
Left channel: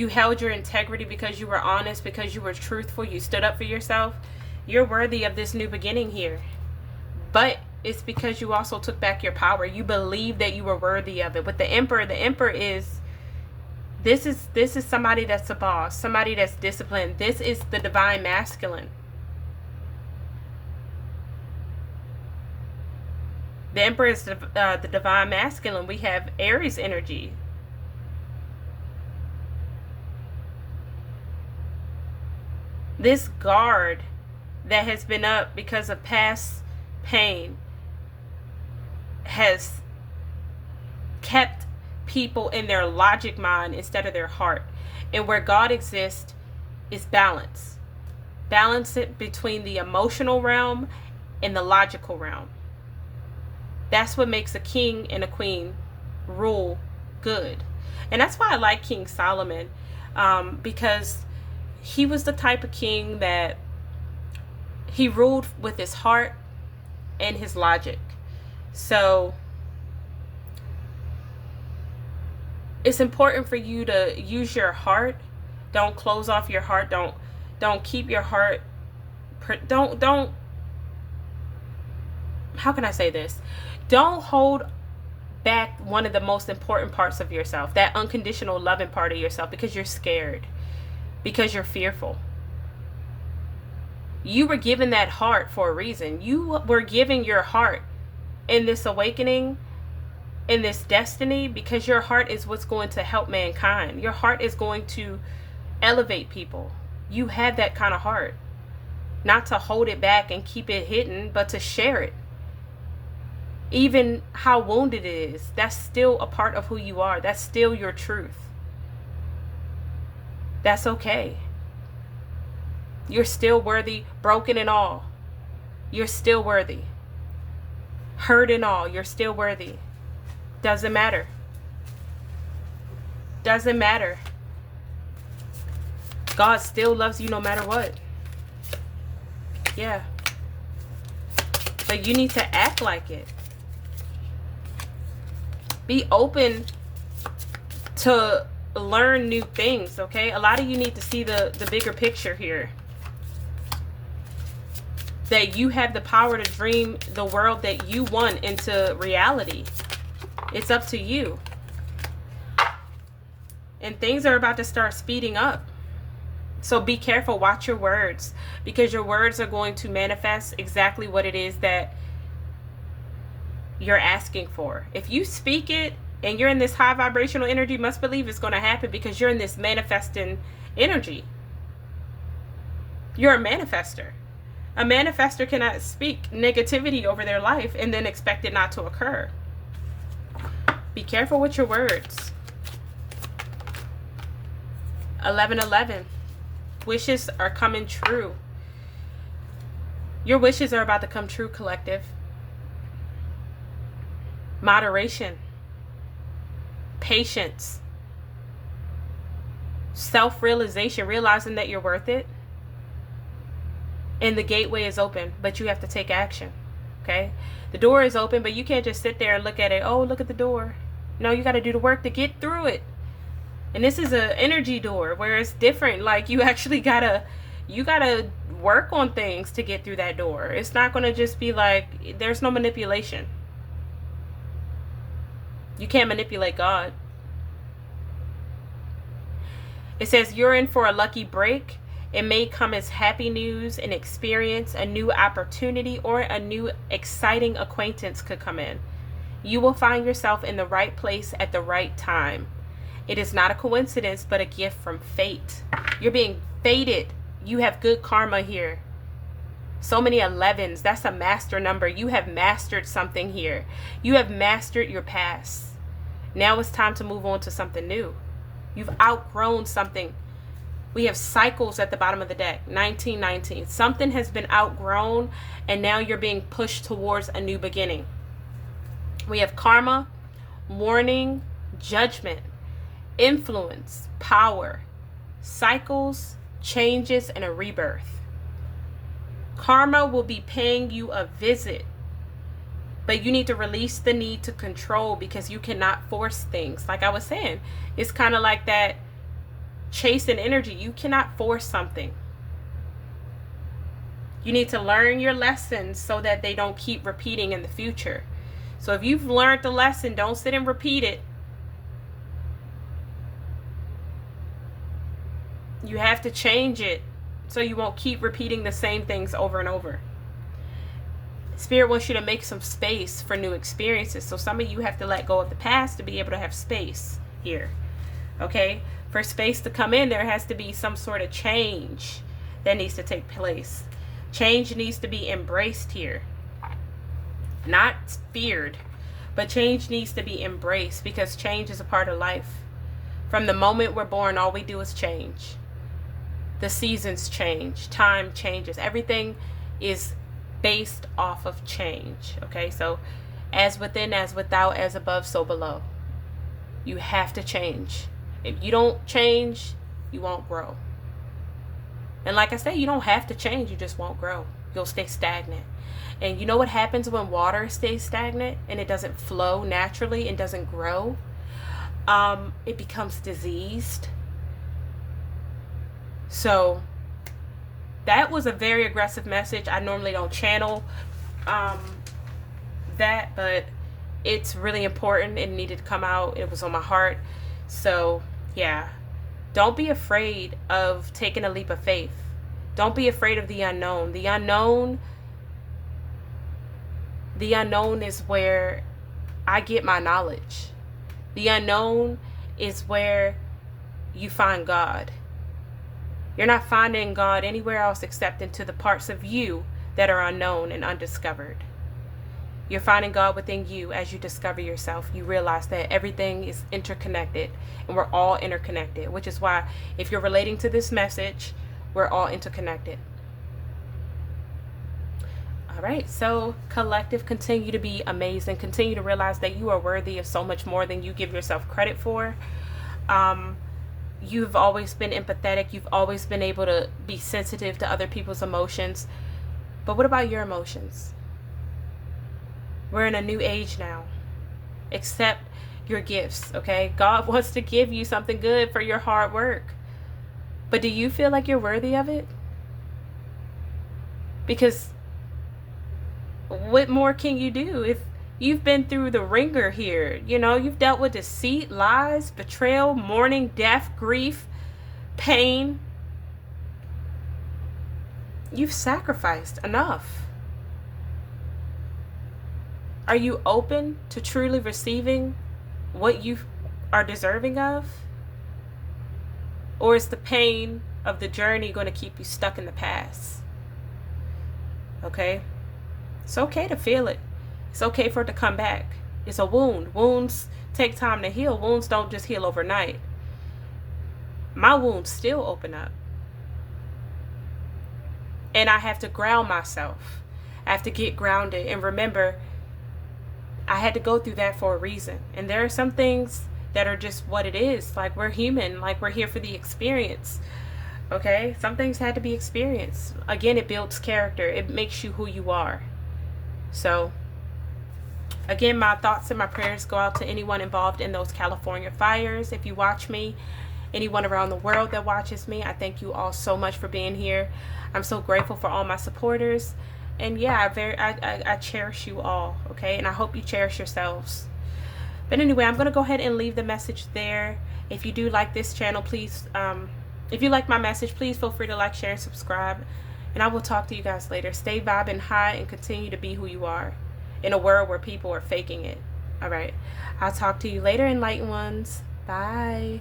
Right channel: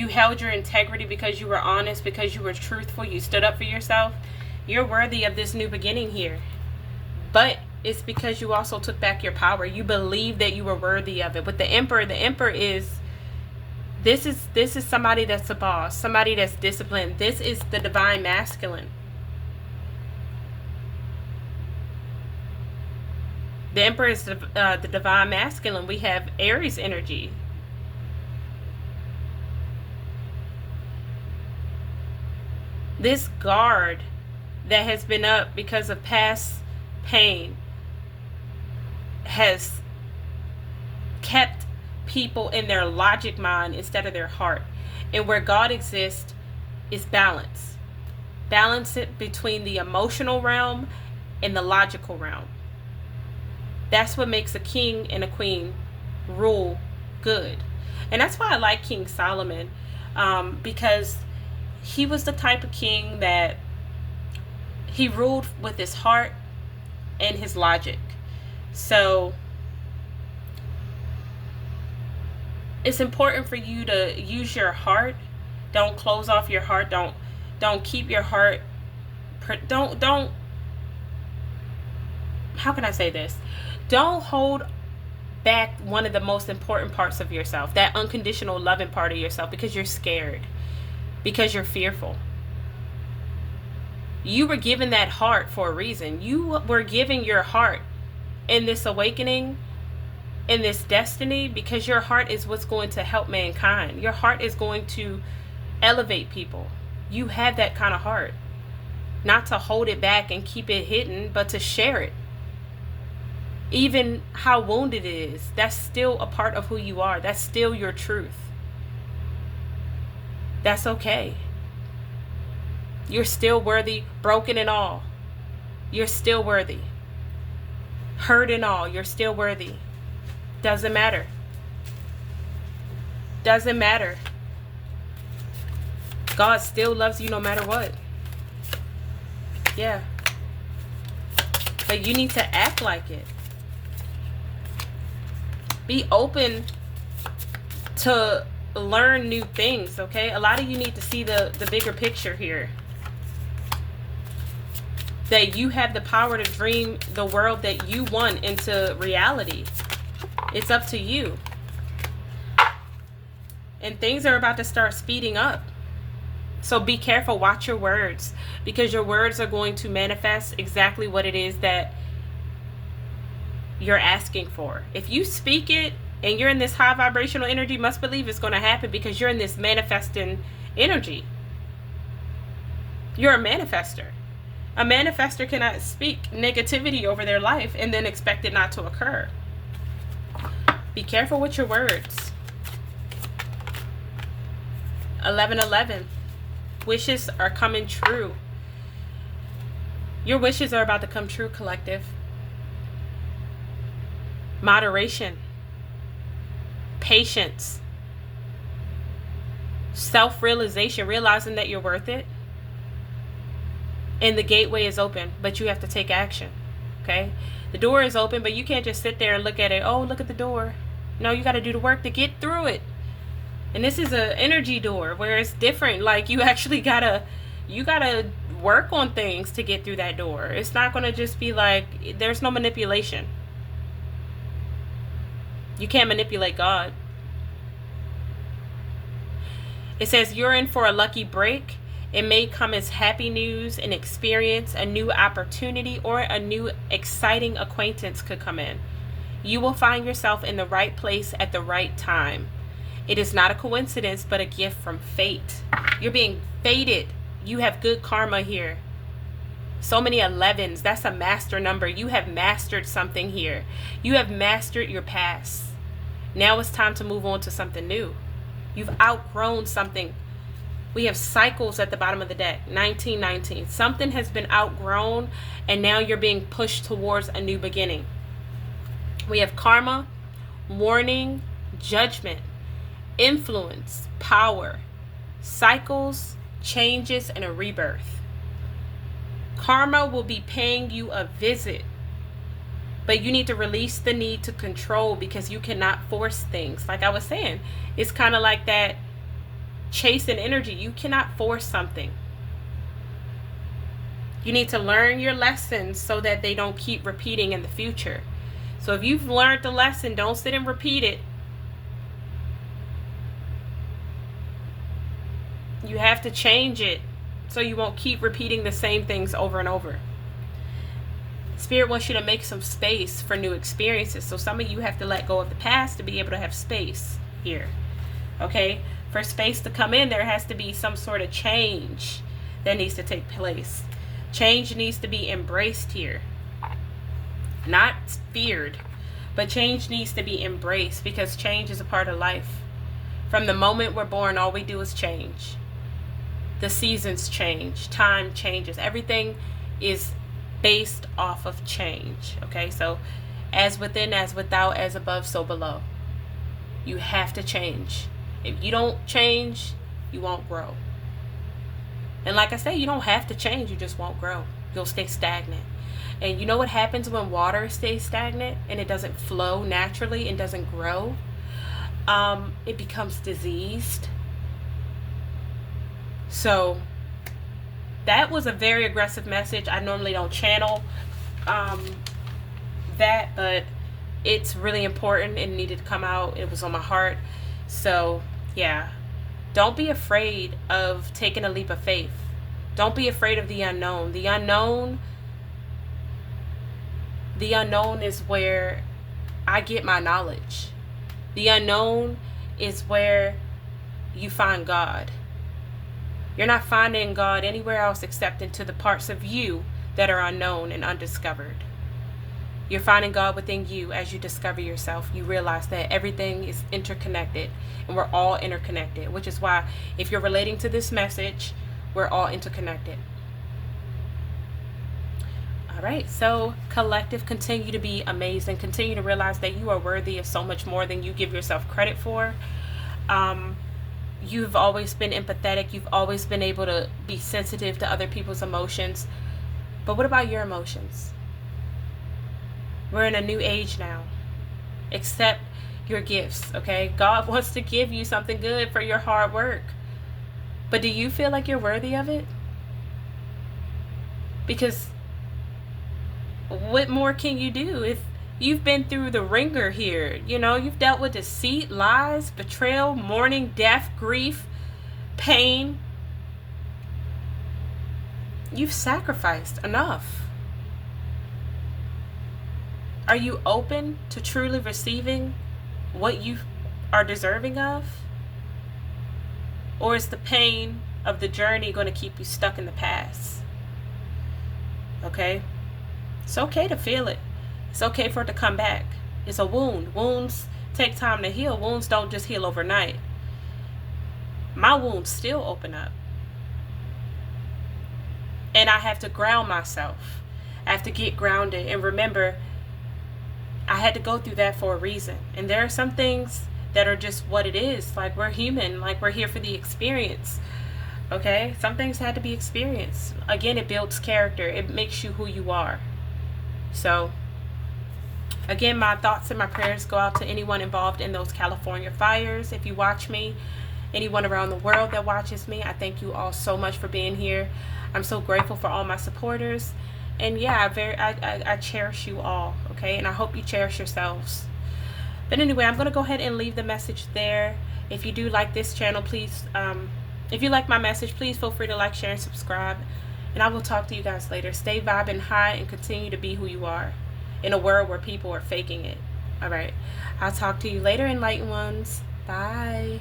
held your integrity, because you were honest, because you were truthful, you stood up for yourself, you're worthy of this new beginning here. But it's because you also took back your power. You believed that you were worthy of it. With the Emperor is, this is somebody that's a boss, somebody that's disciplined. This is the divine masculine. The Emperor is the divine masculine. We have Aries energy. This guard that has been up because of past pain has kept people in their logic mind instead of their heart. And where God exists is balance. Balance it between the emotional realm and the logical realm. That's what makes a king and a queen rule good. And that's why I like King Solomon, because he was the type of king that he ruled with his heart and his logic. So it's important for you to use your heart. Don't close off your heart. Don't keep your heart. Don't. How can I say this? Don't hold back one of the most important parts of yourself, that unconditional loving part of yourself, because you're scared, because you're fearful. You were given that heart for a reason. You were giving your heart in this awakening, in this destiny, because your heart is what's going to help mankind. Your heart is going to elevate people. You have that kind of heart. Not to hold it back and keep it hidden, but to share it. Even how wounded it is, that's still a part of who you are. That's still your truth. That's okay. You're still worthy, broken and all. You're still worthy. Hurt and all, you're still worthy. Doesn't matter. Doesn't matter. God still loves you no matter what. Yeah. But you need to act like it. Be open to learn new things, okay? A lot of you need to see the bigger picture here. That you have the power to dream the world that you want into reality. It's up to you. And things are about to start speeding up. So be careful, watch your words, because your words are going to manifest exactly what it is that you're asking for. If you speak it and you're in this high vibrational energy, you must believe it's going to happen, because you're in this manifesting energy. You're a manifester. A manifester cannot speak negativity over their life and then expect it not to occur. Be careful with your words. 11:11. Wishes are coming true. Your wishes are about to come true, collective. Moderation. Patience. Self-realization, realizing that you're worth it. And the gateway is open, but you have to take action. Okay? The door is open, but you can't just sit there and look at it. Oh, look at the door. No, you got to do the work to get through it. And this is an energy door where it's different. Like, you actually gotta work on things to get through that door. It's not going to just be like, there's no manipulation. You can't manipulate God. It says you're in for a lucky break. It may come as happy news, an experience, a new opportunity, or a new exciting acquaintance could come in. You will find yourself in the right place at the right time. It is not a coincidence, but a gift from fate. You're being fated. You have good karma here. So many 11s. That's a master number. You have mastered something here. You have mastered your past. Now it's time to move on to something new. You've outgrown something. We have cycles at the bottom of the deck. 1919. Something has been outgrown, and now you're being pushed towards a new beginning. We have karma, warning, judgment, influence, power, cycles, changes, and a rebirth. Karma will be paying you a visit, but you need to release the need to control, because you cannot force things. Like I was saying, it's kind of like that chasing energy. You cannot force something. You need to learn your lessons so that they don't keep repeating in the future. So if you've learned the lesson, don't sit and repeat it. You have to change it so you won't keep repeating the same things over and over. Spirit wants you to make some space for new experiences. So some of you have to let go of the past to be able to have space here. Okay? For space to come in, there has to be some sort of change that needs to take place. Change needs to be embraced here. Not feared, but change needs to be embraced, because change is a part of life. From the moment we're born, all we do is change. The seasons change, time changes. Everything is based off of change. Okay, so as within, as without, as above, so below. You have to change. If you don't change, you won't grow. And like I say, you don't have to change, you just won't grow. You'll stay stagnant. And you know what happens when water stays stagnant and it doesn't flow naturally and doesn't grow? It becomes diseased. So that was a very aggressive message. I normally don't channel that, but it's really important. It needed to come out. It was on my heart. So yeah, don't be afraid of taking a leap of faith. Don't be afraid of the unknown. The unknown is where I get my knowledge. The unknown is where you find God. You're not finding God anywhere else except into the parts of you that are unknown and undiscovered. You're finding God within you. As you discover yourself, you realize that everything is interconnected, and we're all interconnected, which is why if you're relating to this message, we're all interconnected. All right, so collective, continue to be amazing. Continue to realize that you are worthy of so much more than you give yourself credit for. You've always been empathetic. You've always been able to be sensitive to other people's emotions. But what about your emotions? We're in a new age now. Accept your gifts, okay? God wants to give you something good for your hard work. But do you feel like you're worthy of it? Because what more can you do if you've been through the ringer here? You know, you've dealt with deceit, lies, betrayal, mourning, death, grief, pain. You've sacrificed enough. Are you open to truly receiving what you are deserving of? Or is the pain of the journey going to keep you stuck in the past? Okay? It's okay to feel it. It's okay for it to come back. It's a wound. Wounds take time to heal. Wounds don't just heal overnight. My wounds still open up. And I have to ground myself. I have to get grounded and remember I had to go through that for a reason. And there are some things that are just what it is. Like, we're human. Like, we're here for the experience. Okay? Some things had to be experienced. Again, it builds character. It makes you who you are. So, again, my thoughts and my prayers go out to anyone involved in those California fires. If you watch me, anyone around the world that watches me, I thank you all so much for being here. I'm so grateful for all my supporters. And yeah, I cherish you all, okay? And I hope you cherish yourselves. But anyway, I'm going to go ahead and leave the message there. If you do like this channel, please, if you like my message, please feel free to like, share, and subscribe. And I will talk to you guys later. Stay vibing high and continue to be who you are in a world where people are faking it. All right. I'll talk to you later, enlightened ones. Bye.